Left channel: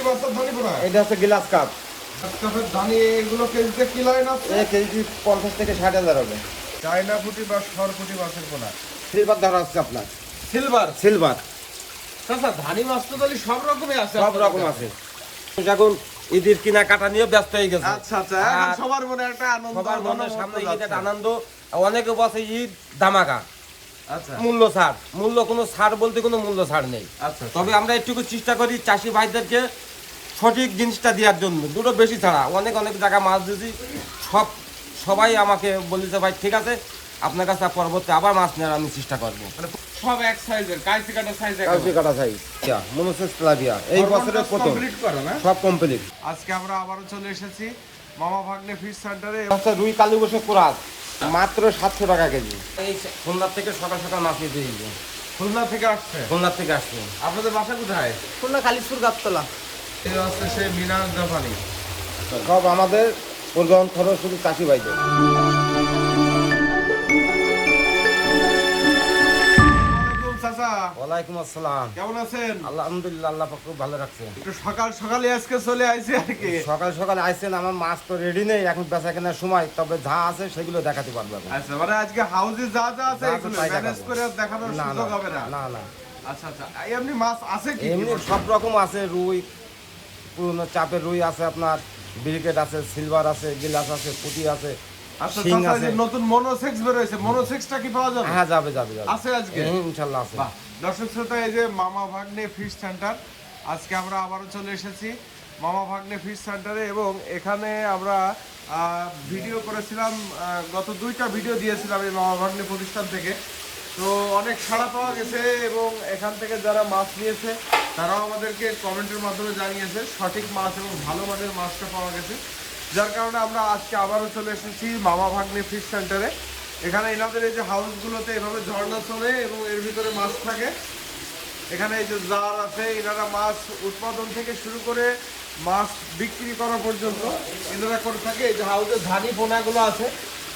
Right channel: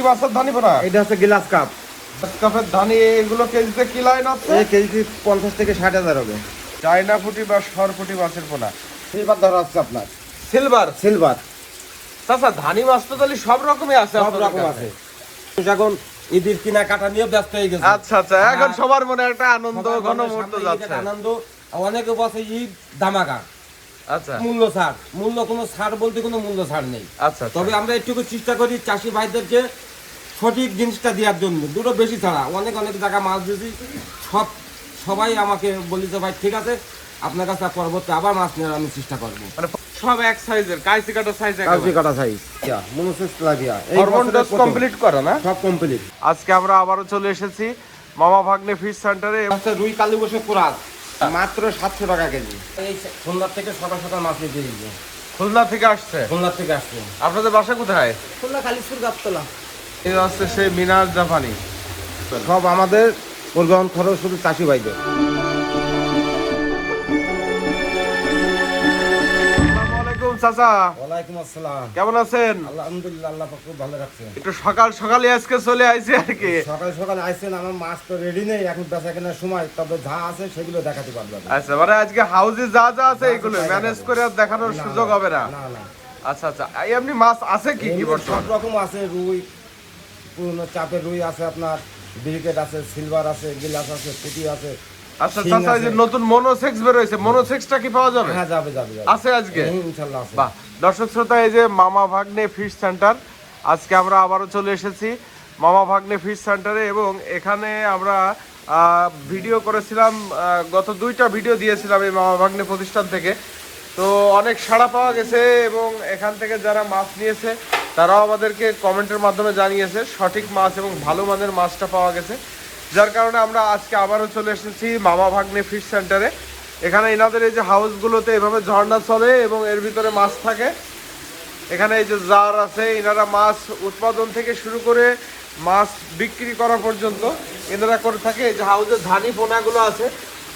কি মাছের ধানি পোনা? এটা হচ্ছে গ্লাস কাপ। কাপের ধানি এগুলো কেজিতে কি লাইন আছে? কেজি 50 থেকে 60,000 হবে। চায়না পুঁটি বা সরপুঁটি মাছের পোনা। সিলভার ধরা হচ্ছে আপনার। সিলভার। চাচা ধানি মাছ তো তাহলে সব রকমই আছে, সব রকম আছে। এখন ঈদের কিনা কাটা নিয়ে ব্যস্ত হয়ে গেছে। আচ্ছা আচ্ছা, এখন সবার মনে একটা আনন্দ ঘনমুহূর্ত যাচ্ছে। আনন্দ, অনেকে বসে ঈদ ধামাকা। আচ্ছা, মূল্য ছাড়, মূল্য কোনো ছাড় বলতে কোনো মূল্য ছাড় নেই। আচ্ছা, তবে আমরা একটু চেষ্টা করি চাষি ভাইদেরকে সঠিক জিনিসটা দেওয়ার জন্য। দুটো বেশি ছাড়া, অনেক জায়গা মাছ দিয়েছি, সবাই আমাকে বলেছে ভাই ঠিক আছে আপনার কাছে পরবর্তী আবার মাছ নেওয়ার আমি চেষ্টা করবো। মানে সব এক সাইজের, কাইসি কাটা সাইজ, কাঁচি কাটা সাইজ, মনোসেস প্লাবিয়া এই হরমোন বছরের প্রথম কমপ্লিট করো না? সব কমপ্লিট। আজকে আমরা আবারও চলে এসেছি মামা ভাগ্নে ফিশ সেন্টারে। আচ্ছা, রুই কালী বসে কোরাস মাত্র 700 টাকা কেজি। এই খুলনার থেকে সকাল সকাল মাছ নিতে দিয়েছে। খুলনা থেকে আসছে? খুলনার থেকে আসছে। আপনাদের বাসা কোথায়? খুলনা কালীপুর গাবতলা। এই আসছে সেই মিনার জাপানি। সব আমাদের প্রোগ্রাম খরচ শুধু চাষি ভাইদের। চাচা ওয়ালাইকুম আসসালাম, কেমন আছেন? আলহামদুলিল্লাহ, আল্লাহ পাক খুব ভালো রাখছে। একটু সকাল সকালে আজকে চলে আইছি আর কি। সকাল সকাল আইছেন, আমার মাছ তো রেডি নেই এখন বেচা কেনার সময়, তবে যা আছে সেগুলো দেখাতে পারবো। আচ্ছা, মানে আজকে হাউজে যা যা আছে যা এগুলো তাই ম্যানেজ দেখাবো। করে আর দেখানোর না, সুযোগ হবে না? না না, আচ্ছা আচ্ছা, এই এমনি মাছ আছে কি কি? এমনি সব রকম আছে। রুই, পুরনো চাপের রুই আছে আপনার, ব্রিকেট আছে, সিলভার আছে, গিলাস আছে, পুঁটি আছে। আচ্ছা শিং চাচা, এই যে আছে। নতুন মনোসেক্স বের হয়েছে, মনোসেক্সটা কি পাওয়া যাবে? হ্যাঁ, যাবে যাবে যাবে। আছে আজকে? ইনশাআল্লাহ আছে। বাহ, দর্শক শ্রোতা, এই যে মামা ভাগ্নে ফিশ সেন্টার, আজকে আমরা আবারও চলে এসেছি মামা ভাগ্নে ফিশ সেন্টারে। এবং এখানে আমরা ভিডিও করেছিলাম, গত 2টা ভিডিও দিয়েছিলাম এই মামা ভাগ্নে প্রতিষ্ঠান থেকে। তো অনেক সাড়া পাওয়া গেছে এবং এখান থেকে যারা মাছ নিয়েছে তারাও আমাদেরকে কমেন্টের মাধ্যমে জানিয়েছে সঠিক মাছ এবং ভালো মানের মাছটা পাওয়া গেছে। যার কারণে আমরা আজকে আবারও চলে এসেছি মামা ভাগ্নে ফিশ সেন্টারে। এখানে এনাদের এই যে হাউসগুলোতে এভাবে ঝর্ণা চলে এবং এর ভিতরে মাছ থাকে। এখানে এই যে জার আছে, এনারা মাছ উৎপাদন থেকে শুরু করে মাছ বিক্রি করা পর্যন্ত এনারা করে থাকে। এই যে হাউসে ধানি পোনাগুলো আছে।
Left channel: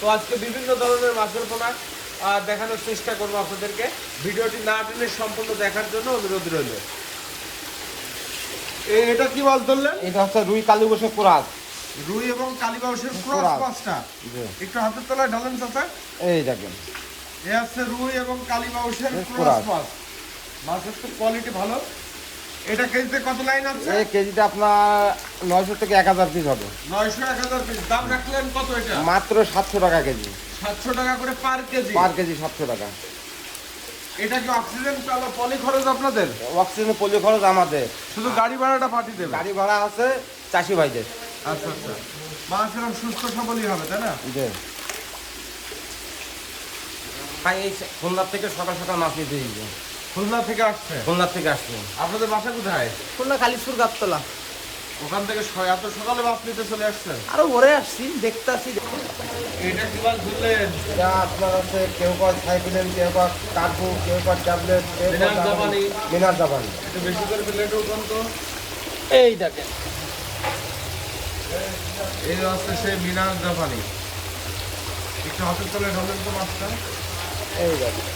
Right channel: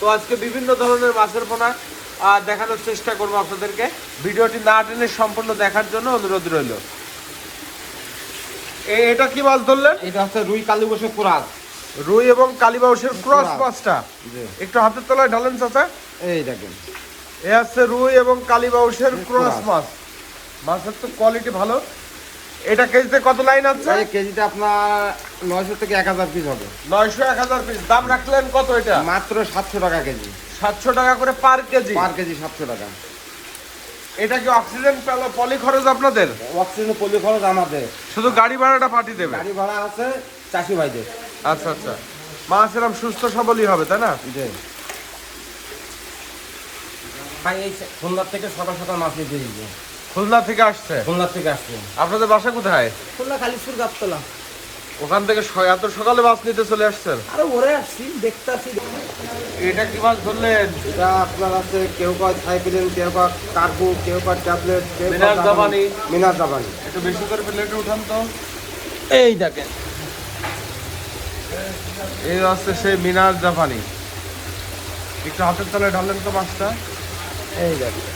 তো আজকে বিভিন্ন ধরনের মাছের পোনা দেখানোর চেষ্টা করবো আপনাদেরকে। ভিডিওটি না টেনে সম্পূর্ণ দেখার জন্য অনুরোধ রইল। এটা কি মাছ ধরলেন? এটা হচ্ছে রুই কালী বসে কোরাস। রুই এবং কালীবাউসের ক্রস মাছটা জি। একটু হাতের তলায় ঢালেন চাচা। এই দেখেন, এ আছে রুই এবং কালীবাউসের ক্রস মাছ। মাছের তো কোয়ালিটি ভালো। এটা কেজিতে কত লাইন আছে? এই কেজিটা আপনার 900 থেকে 1000 পিস হবে। 900-1000 পিস। দাম রাখলেন কত এটা? মাত্র 700 টাকা কেজি। 700 টাকা করে পার কেজি। পার কেজি 700 টাকা। এটা কি অক্সিজেন পলি খরচ আপনাদের? অক্সিজেন পলি খরচ আমাদের, শুধু গাড়ি ভাড়াটা পাঠিয়ে দেবে? গাড়ি ভাড়া আছে চাষি ভাইদের। আচ্ছা আচ্ছা, মাছ এরকম সুস্থ সবলই হবে তাই না? জি ভাই, এই খুলনার থেকে সকাল সকাল মাছ নিতে দিয়েছে। খুলনা থেকে আসছে? খুলনার থেকে আসছে। আপনাদের বাসা কোথায়? খুলনা কালীপুর গাবতলা। ওখান থেকে এত সকালে মাছ নিতে চলে আসছেন? আরো ভরে আসছি, দেখতাছি। এটা কি মাছ ধরলেন? এটা আপনার আছে কেউ কয় সাইকেলেন, কেউ কয় কার্পু, কেউ কয় ট্যাবলেট, মিনার জাপানি। মিনার জাপানি। একটু বেশি করে প্লেটে উঠান তো। এই দেখেন, এই হচ্ছে সেই মিনার জাপানি। একটু হাতের তলায় ঢালেন তো মাছটা। এই দেখেন,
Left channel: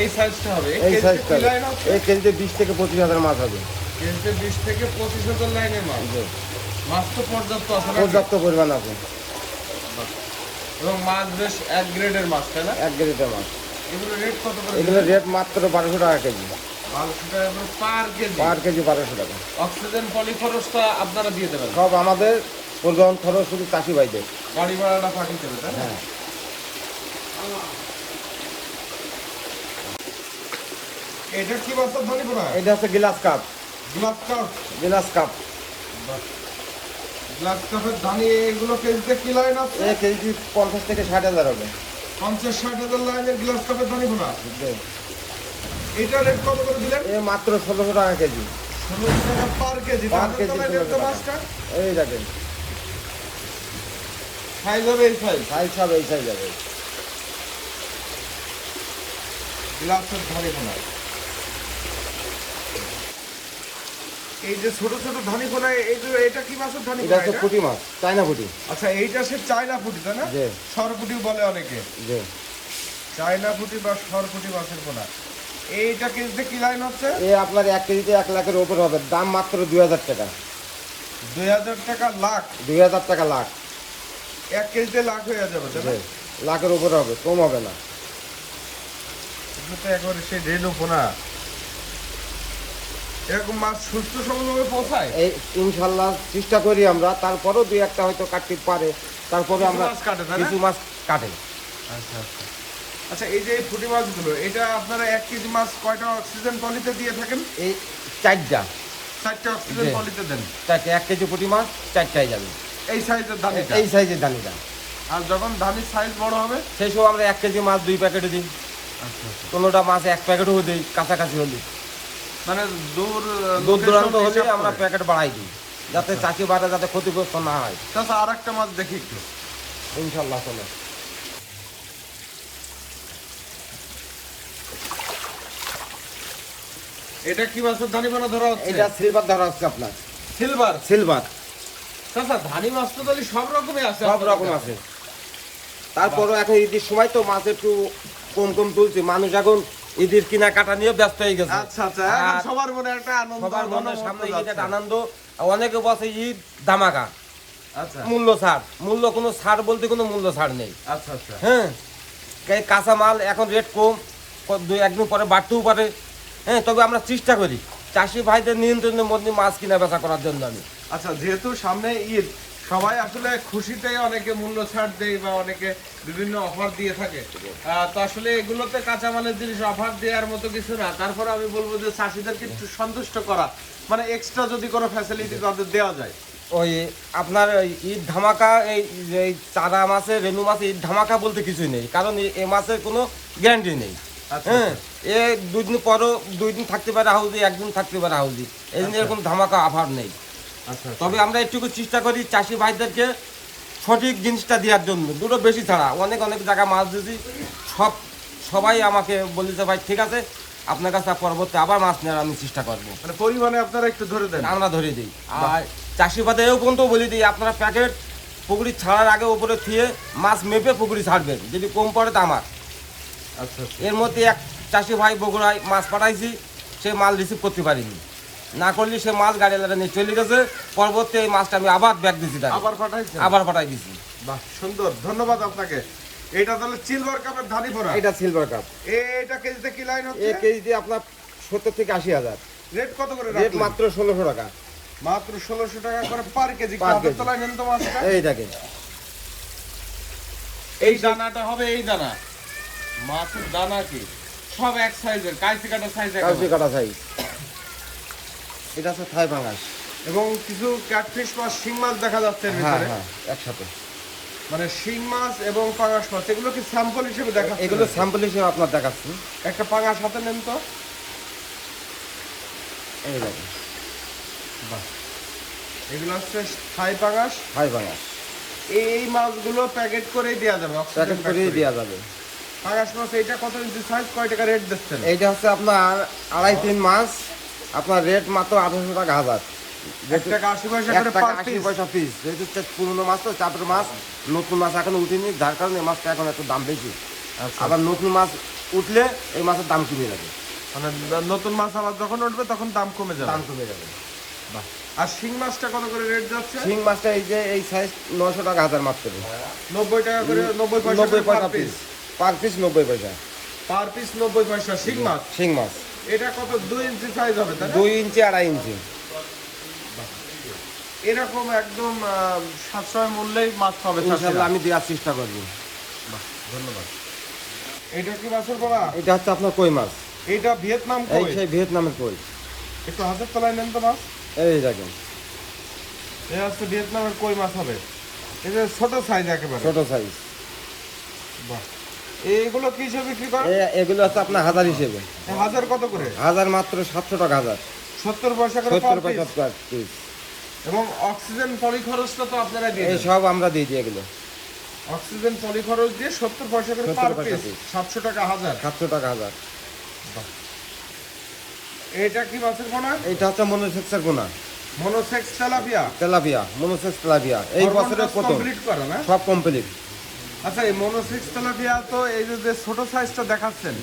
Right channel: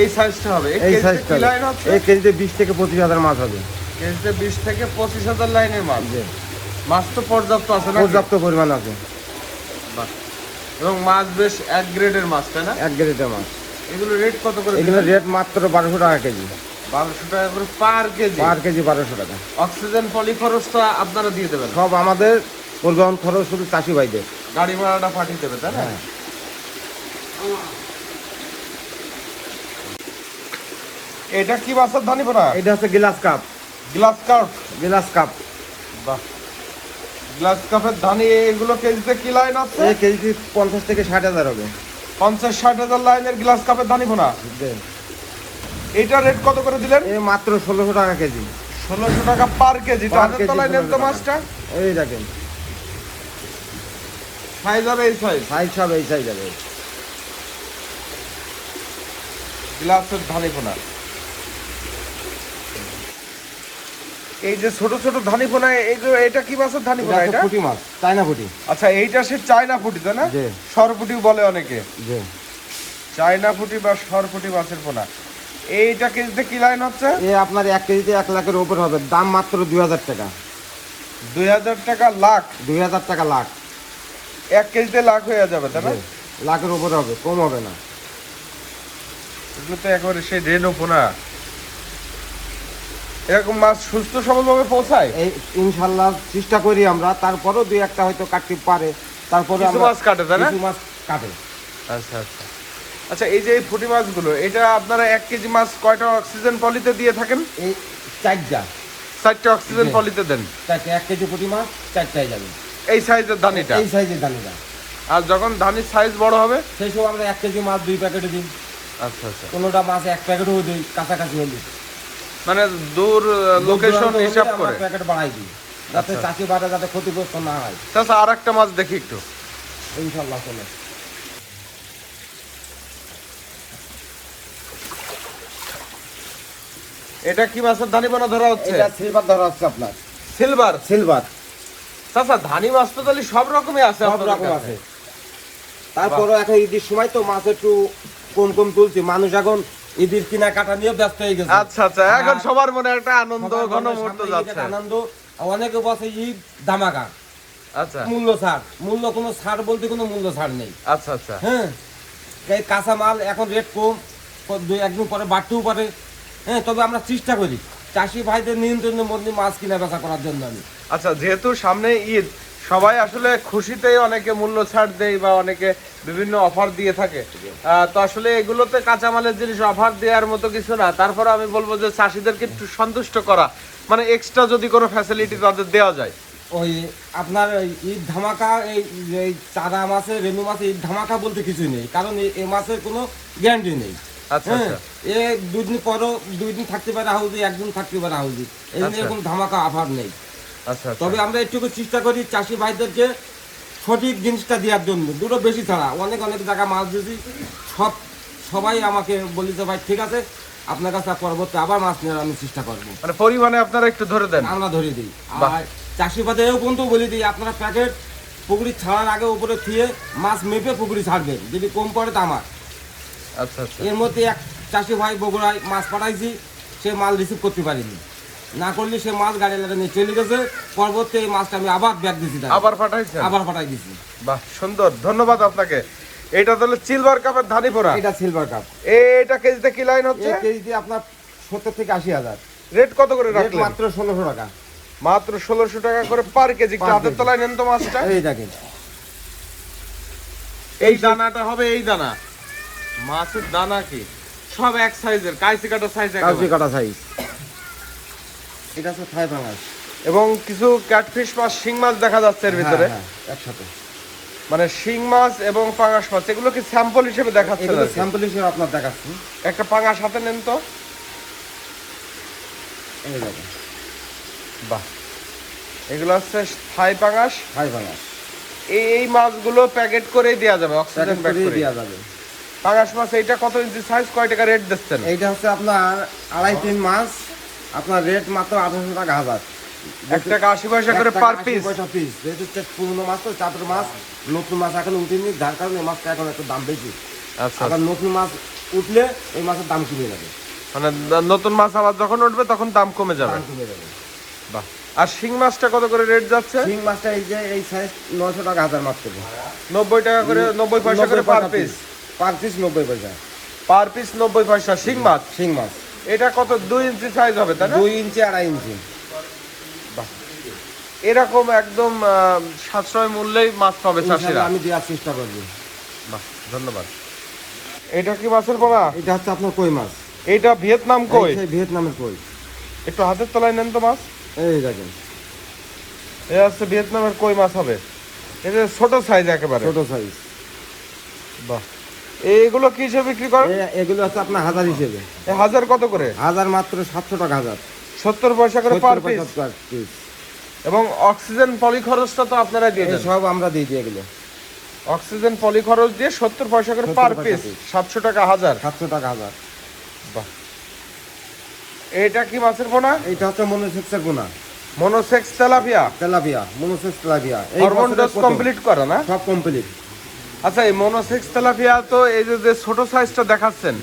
এই সাইজটা হবে। এই এই কেজিতে সাইজটা। কি লাইন হচ্ছে? এই কেজিতে 20 থেকে 25,000 মাছ হবে। কেজিতে 20 থেকে 25,000 লাইনের মাছ। মাছ তো পর্যাপ্ত আছে না? পর্যাপ্ত পরিমাণ আছে এবং মাছ বেশ এক গ্রেডের মাছ তাই না? এক কেজিতে মাছ। এগুলো রেট কত করে এগুলো দিলেন? রেট মাত্র 1200 টাকা কেজি। 1200 টাকা করে পার কেজি। পার কেজি 1200 টাকা। অক্সিজেন পলি খরচটা আপনারা দিয়ে দেবেন? সব আমাদের প্রোগ্রাম খরচ শুধু চাষি ভাইদের। গাড়ি ভাড়াটা পাঠিয়ে দেবে তাই না? এটা কি মাছের ধানি পোনা? এটা হচ্ছে glass cup. Glass cup. Glass cup. বাহ, গ্লাস কাপের ধানি এগুলো কেজিতে কি লাইন আছে? এই কেজি 50 থেকে 60,000 হবে। 50-60,000 লাইনের গ্লাস কাপের ধানি পোনা। এটা রেট কত করে দিলেন? এই মাত্র 1600 টাকা কেজি। 1600 টাকা পার কেজি। তো হাতের তলায় নেন তো মাছটা। এই দেখেন, সাইজ হবে এই সাইজ। সাইজ সব এই সাইজ হবে। গ্লাসের ধানি পোনা। এই যে ছোট ছোট ধানি পোনা, এটা কি মাছের ধানি পোনা এটা? পুঁটি মাছ, চায়না পুঁটি। আচ্ছা, এইটা সে চায়না পুঁটি তাই না? জি। সরপুঁটি বলে অনেকে। জি। চায়না পুঁটি বা সরপুঁটি মাছের পোনা। এইটা কেজিতে কি লাইন হচ্ছে? এই আপনার 1 কেজিতে 1 লাখের উপর হবে, দাম মাত্র 2000 টাকা। 2000 টাকা লাখ? 2000 টাকা লাখ। 1 কেজিতে লাখ হয়ে যাবে তাই না? লাখের উপর হবে, কম হবে না। এগুলো তো একেবারে সেই রেনু পোনা। এরকম মাছ সুস্থ সবলভাবে পৌঁছায়? এই ইনশাল্লাহ চেষ্টা করি আমরা, তারপরেও 2-1টা হয়তো কাটতে পারে, তারপরে কিছু আমরা মাছ কাটে তাই না? কিছু মাছ কাটে। আচ্ছা আচ্ছা আচ্ছা, এই যে এই পুঁটি মাছগুলো, এটা আপনারা 1 কেজি মাছ কয়টা অক্সিজেন পলিতে দিয়ে থাকেন? এই 4টা 4টা অক্সিজেন জি। পলিতে দেন। 1 কেজি পুঁটি মাছ 4টাই যাবে, এই সাইজের ধানিটা? এই সাইজের দানিটা। আর যখন ধানির সাইজ বড় হবে? সেই সময় আমরা 1 কেজি মাছ 2 প্যাকেটে দিই, আচ্ছা আচ্ছা, কোনোটা মাছ 1 প্যাকেটও দিই, কাছাকাছি হলে। মানে দূর দূর লোকেশন দূরান্ত হলে হিসাব আমরা করে। প্যাকেট বাড়াই দিই, যাতে আচ্ছা। চাষি বাটা যাতে ক্ষতিগ্রস্ত না হয়। আচ্ছা, আর একটা মাছ দেখি একটু। ইনশাল্লাহ চলে। এটা কি মাছের ধানি বানা ধরা হচ্ছে? এটা সিলভার ধরা হচ্ছে আপনার, সিলভার। সিলভার আচ্ছা, ধানি মাছ তো তাহলে সব রকমই আছে? সব আপনাদের রকম কাছে? আছে। তারপরে এখন ঈদের সময় তো মাছ একটু কম কম তুলছি, মানুষ এখন ঈদের কিনা কাটা নিয়ে ব্যস্ত হয়ে গেছে। আচ্ছা আচ্ছা, এখন আর সবার মনে একটা আনন্দ সবার মনে ঘনমুহূর্ত সামনে ঈদের যাচ্ছে। আনন্দ। অনেকে বসে ঈদ ধামাকা, আচ্ছা মূল্য ছাড়। মূল্য কোনো ছাড় বলতে কোনো মূল্য ছাড় নেই। আচ্ছা আচ্ছা, হ্যাঁ, এই কাঁচা মাল এখন রেট কম, 2-1 দিন পরে বাড়তেও পারে। হ্যাঁ, তবে আমরা চেষ্টা করি চাষি ভাইদের নিয়ন্ত্রণের মধ্যে মাছ কিনা বেচা করার জন্য। আমি আচ্ছা, যেহেতু সামনে ঈদ, সবাই আসলে খুশিতেই অনেকে মূল্য ছাড় দেয় বা অনেকে বিভিন্ন অফার দিয়ে থাকে। তো আসলে এগুলোতে কাঁচামালের জিনিস অফার দেওয়ার মতো কিছু না। তারপরে আমি বলবো যে চাষিদেরকে একটু সন্তুষ্ট করা, মানে এক্সট্রা যদি কোনো ফ্যাসিলিটি তাদের দেওয়া যায়। ওই আপনার ওই ঈদ ধামাকা, এই চারা মাছে, রেনু মাছে ঈদ ধামাকা বলতে কিছুই নেই, কারণ এই মাছের কোনো গ্যারান্টি নেই। আচ্ছা হ্যাঁ, আচ্ছা, এ 2 দিন পরও 2 দিন থাকতে পারে হাউজি, 1 দিন থাকতে পারে হাউজি, এই জন্য আচ্ছা। কোনো ধামাকা অফার নেই। আচ্ছা আচ্ছা। তবে আমরা একটু চেষ্টা করি চাষি ভাইদেরকে সঠিক জিনিসটা দেওয়ার জন্য, দুটো বেশি ছাড়া। অনেক জায়গায় মাছ দিয়েছি, সবাই আমাকে বলেছে ভাই ঠিক আছে, আপনার কাছে পরবর্তী আবার মাছ নেওয়ার আমি চেষ্টা করবো। মানে পরিমাণে আপনারা একটু ধরে দেন? আমরা ধরে দিই। বাহ। আর চাষি ভাইদের এও পর্যন্ত বলে দিই, আপনারা প্যাকেট পুকুরি ছাড়ার আগে উপরে থুয়ে মাছ মেপে পুকুরি ছাড়বেন, যদি কম পড়ে তা আমার। আচ্ছা আচ্ছা, এর মধ্যে এক চাষি ভাই বগুড়ায় মাছ পাঠাইছি, সে মাল রিসিভ করতে পারিনি, না করলে সে মাছ গাড়ি লাগা নিয়ে চলে গেছে। পরবর্তী এই মাছটা আমি আবার ব্যাগ দিছি, আবার পাঠাইছেন? আবার পাঠাই দিছি। বাহ, সুন্দর, ধন্যবাদ আপনাকে। এটা তাহলে সিলভার কাপের ধানি পোড়া। এটা সিলভার কাপ। এটা কেজিতে কি লাইন হচ্ছে? এই কেজিতে আপনার 70 থেকে 80 হাজার। রেট কত করে রেট রাখলেন? মাত্র 1600 টাকা। মাত্র 1600 টাকা করে পার কেজি। একটু Per হাতের কেজি। তলায় নেন তো মাছটা। এই দেখেন, এই দানাটা হবে এই দানা, মাছের দানা কি সব এক সাইজের, কাইচি কাটা সাইজ কাঁচি একেবারে। কাটা সাইজ। এটা হচ্ছে থাই পাঙাশ। এবং কিছু ক্যাটফিশ মাছ, শিং মাছ দেখা যাচ্ছে এর ভিতরে। হ্যাঁ, একসাথে। মানে শিং মাছ এবং পাঙাশ মাছ, এগুলো কি স্যাম্পল হিসেবে দেখাচ্ছে? এগুলো স্যাম্পল হিসেবে আপনার দেখাচ্ছি। একটা পাঙাশ হাতে নেন তো। এই দেখেন, বাহ, এগুলো হচ্ছে থাই পাঙাশ। থাই পাঙাশ এই মাছগুলো প্যাকেট করেই দেওয়া যাবে, অক্সিজেন প্যাকেট প্যাক করে করে। দেওয়া যাবে। পাঙাশ মাছ এইটা কত ইঞ্চি সাইজ, কয় টাকা রেট দিচ্ছেন? এইটা হচ্ছে আপনার 2.5-3 মাছ, আপনার রেট মাত্র 1800 টাকা হাজার। 1 টাকা 80 পয়সা করে পার পিস। পয়সা পিস। যেহেতু পুরনো মাছ তো, চাপের মাছ, নতুন মাছ এখন উঠেনি, যার কারণে এই মাছটা এখন একটু দাম বেশি। আচ্ছা, আবার নতুন মাছ উঠলে এই মাছের দাম কমে যাবে। মানে নতুন মাছ আবার যখন উঠবে তখন দাম কমে যাবে। দাম কমে যাবে। বাহ। আর শিং মাছটা কত করে রেট যাচ্ছে? শিং মাছটা এই যে এই সাইজ 900 টাকা হাজার মাত্র। 90 টাকা করে, 90 পয়সা করে পার পিস। পার পিস 90 পয়সা। পার পিস 90 পয়সা শিং মাছ। শিং মাছ এটা কত, 2 ইঞ্চি সাইজ হবে তাই না? 2 ইঞ্চি 2.5 ইঞ্চি। এরকম একদম সাশ্রয় মূল্যেই মাছ পাবে চাষিরা। ইনশাআল্লাহ আমি দেওয়ার চেষ্টা করব। বাহ, ধন্যবাদ। এটা কি মাছের পোনা? এটা হচ্ছে আপনার কই মাছ। এটা ভিয়েতনাম এই কই। সেই ভিয়েতনামের কই। একটু হাতের তলায় নেন তো মাছ। এই দেখেন, এটা হচ্ছে ভিয়েতনামের কই মাছ হবে। এটা ছোট সাইজ একেবারে। ছোট সাইজ। বাহ, এইগুলো কি হিসেবে বিক্রি করেন? এগুলো হচ্ছে আপনার হাজার হিসেবে। এই হাজার কত করে? হাজার মাত্র 700 টাকা হাজার। 70 পয়সা করে পার 70 পিস। পয়সা per piece। এবং অক্সিজেন পলি খরচটা তো আপনারা দিয়ে এই দেন। সব আমরা দিয়ে দিই এগুলো। অক্সিজেন পলি খরচ দিয়ে 70 পয়সা করে 70 পার পয়সা পিস, piece। 700 টাকা হাজার। 700 টাকা হাজার। বাহ। এটা কি মাছের পোনা? এইটা হচ্ছে মনোসেক্সের পোনা। Monosex tilapia. Tilapia, monosex tilapia. এই হরমোন বছরের ডোজ প্রথম। কমপ্লিট করে না? সব কমপ্লিট। আচ্ছা, এই মনোসেক্স তেলাপিয়া তো এই যে ছোট সাইজটা দেখাচ্ছেন,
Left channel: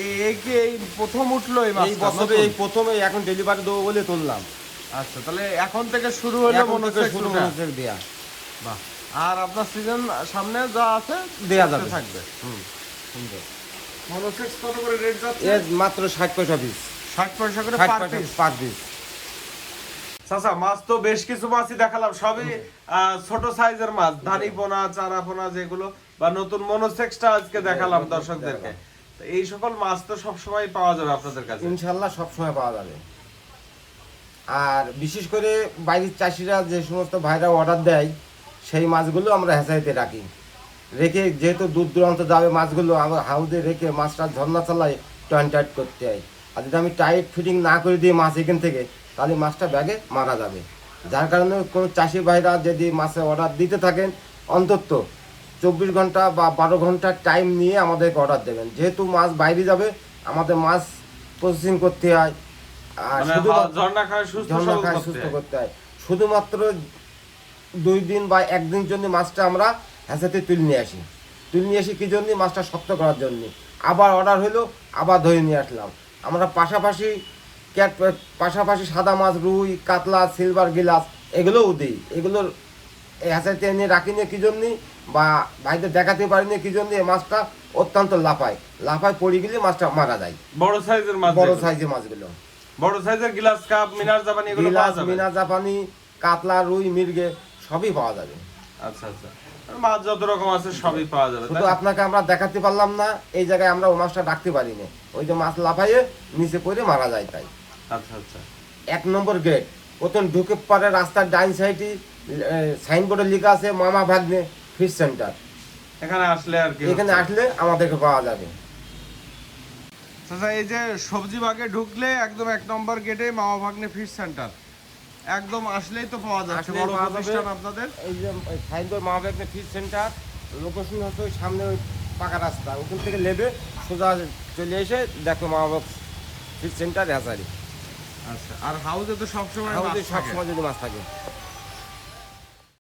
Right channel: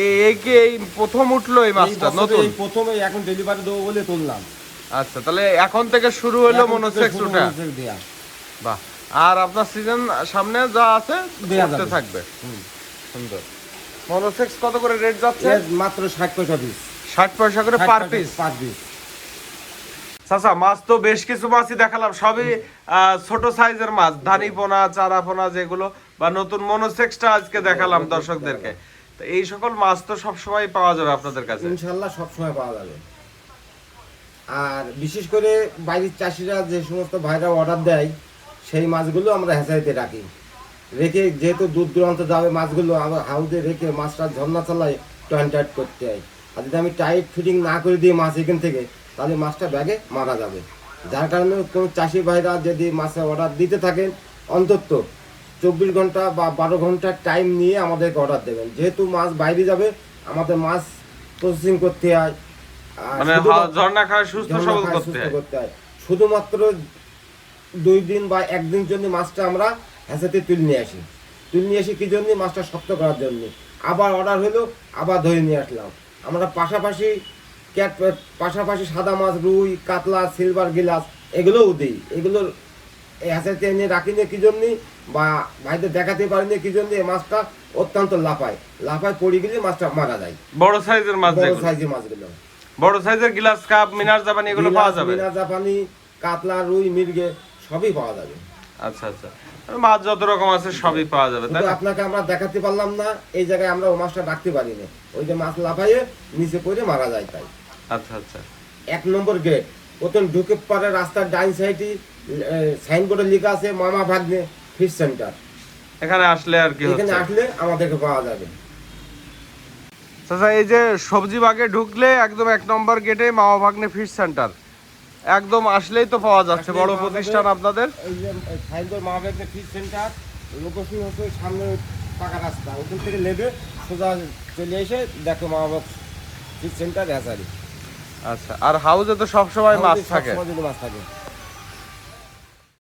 এই কি এই প্রথম উঠলো এই এই মাছটা বছরে নতুন? এই প্রথমে এখন ডেলিভারি দেবো বলে তুললাম। আচ্ছা, তাহলে এখন থেকে শুরু হলো এখন থেকে মনোসেক্স শুরু ওটা। মনোসেক্স দেয়া। বাহ। আর আপনার সিজন সামনে যা আছে দেয়া করতে যাবে। থাকবে। সুন্দর। মনোসেক্স কত করে রেট যাচ্ছে? এর মাত্র 60 পয়সা পিস। 60 পয়সা করে পার পিস। Per piece. চাচা, মাছ তো বেশ কিছু মাছই দেখালাম, সবই ছোট সাইজের মাছ, ধানি পোনা, চারা পোনা যেগুলো, বা নতুন মনোসেক্সটা আজকে দেখালাম দর্শকদেরকে। তো এই সকল মাছ তো সবসময় পাওয়া যাবে আপনাদের কাছে। ইনশাল্লাহ সবসময় পাওয়া যাবে। আর বিশেষ করে বাইরের চাষিরা যে সমস্ত ভাইরা অর্ডার দেয় সেই মাছগুলো আমরা হ্যাচারিতে রাখি, রেখে যেহেতু দূর দূরান্ত যাবে মাছগুলো, আমরা হাউদে রেখে মাছটা ঝর্ণা চালায় টাইট করতে হয়। আর যদি আমি টাইট ফিটিং না করে দিই মাছ এখান থেকে, তাহলে মাছটা ব্যাগে মারা যাবে। যার কারণে কোনো চাষি ভাইরা যদি মাছের অর্ডার দিতে থাকেন, অন্তত 24 ঘন্টা বা 12 ঘন্টা টাইম নিয়ে আমাদেরকে অর্ডার দেবেন। যেহেতু মাছ বাইরে যাবে, আমাদের মাছ প্রসেসিং করতে হয়, আর মানে ঝর্ণা খায় সুস্থ সবল করতে হয়। শুধুমাত্র 2 দিন বা 1 দিন জন্য মাছটা আমরা হ্যাচাতে তুলে নিয়ে আসি কি জন্য? মাছটা শক্ত করার জন্য। আবার অর্ডার হলো, আবার ধরে নিয়ে আসলাম। আমরা পাশাপাশি সাদা মাছ, রুই, কাতলা, সিলভার গিলাস এগুলোও দিই। এগুলোর হ্যাচাতে এনে রাখি নিয়ে কি জন্য, বা ভাইদের দেখাতে পারি না কি জন্য? এই মাছটা অত্যন্ত লাফায় পড়ে গেলে মাছটা মারা যায়। বড় সাইজের মাছ, বড় সাইজের মাছগুলো, বড় সাইজের গ্লাস কাপ, মিনার জাপানি এগুলো পাওয়া যাবে। মিনা জাপানি, কাতলা, রুই, মির্গে সবই পাওয়া যাবে। আচ্ছা আচ্ছা, মাছ যত রকম আছে সবই পাওয়া যাবে। শুধু আপনাকে আমরা দেখাতে পারলাম না, এই জায়গায় আমরা ও মাছটা রাখতে পারি না, ওই যে মাছ লাফাইয়ে নিচে পড়ে মারা যায়। তাই আচ্ছা আচ্ছা, 1 নম্বর গেট প্রথম ঢুকে পারে রাস্তার ডাইন সাইডে সাইনবোর্ডে লেখা আছে মামা ভাগ্নে ফিশ সেন্টার। এখানে আসলে আর কি এখানে হচ্ছে? আসলে আমাদেরকে পাওয়া যাবে। চাচা, এই যে সবজি বাগে ঢুকলে একদম 1 নম্বর গেটে মামা ভাগ্নে ফিশ সেন্টার, একদম আসলেই তো পাওয়া যাচ্ছে। আসলেই বড় পাওয়া প্রতিষ্ঠান যাবে। আপনাদের। এই যে সাইনবোর্ড মামা ভাগ্নে ফিশ সেন্টার, লোকেশন হচ্ছে ওই সামনে ওই পাকা রাস্তা, ওখান থেকে নেবে সোজা চলে এসে দেখো মামা ভাগ ফিশ সেন্টার হ্যাচারি। আচ্ছা, আর হাউসে তো সবসময় মাছ থাকে। সবসময় যদি মাছ থাকে।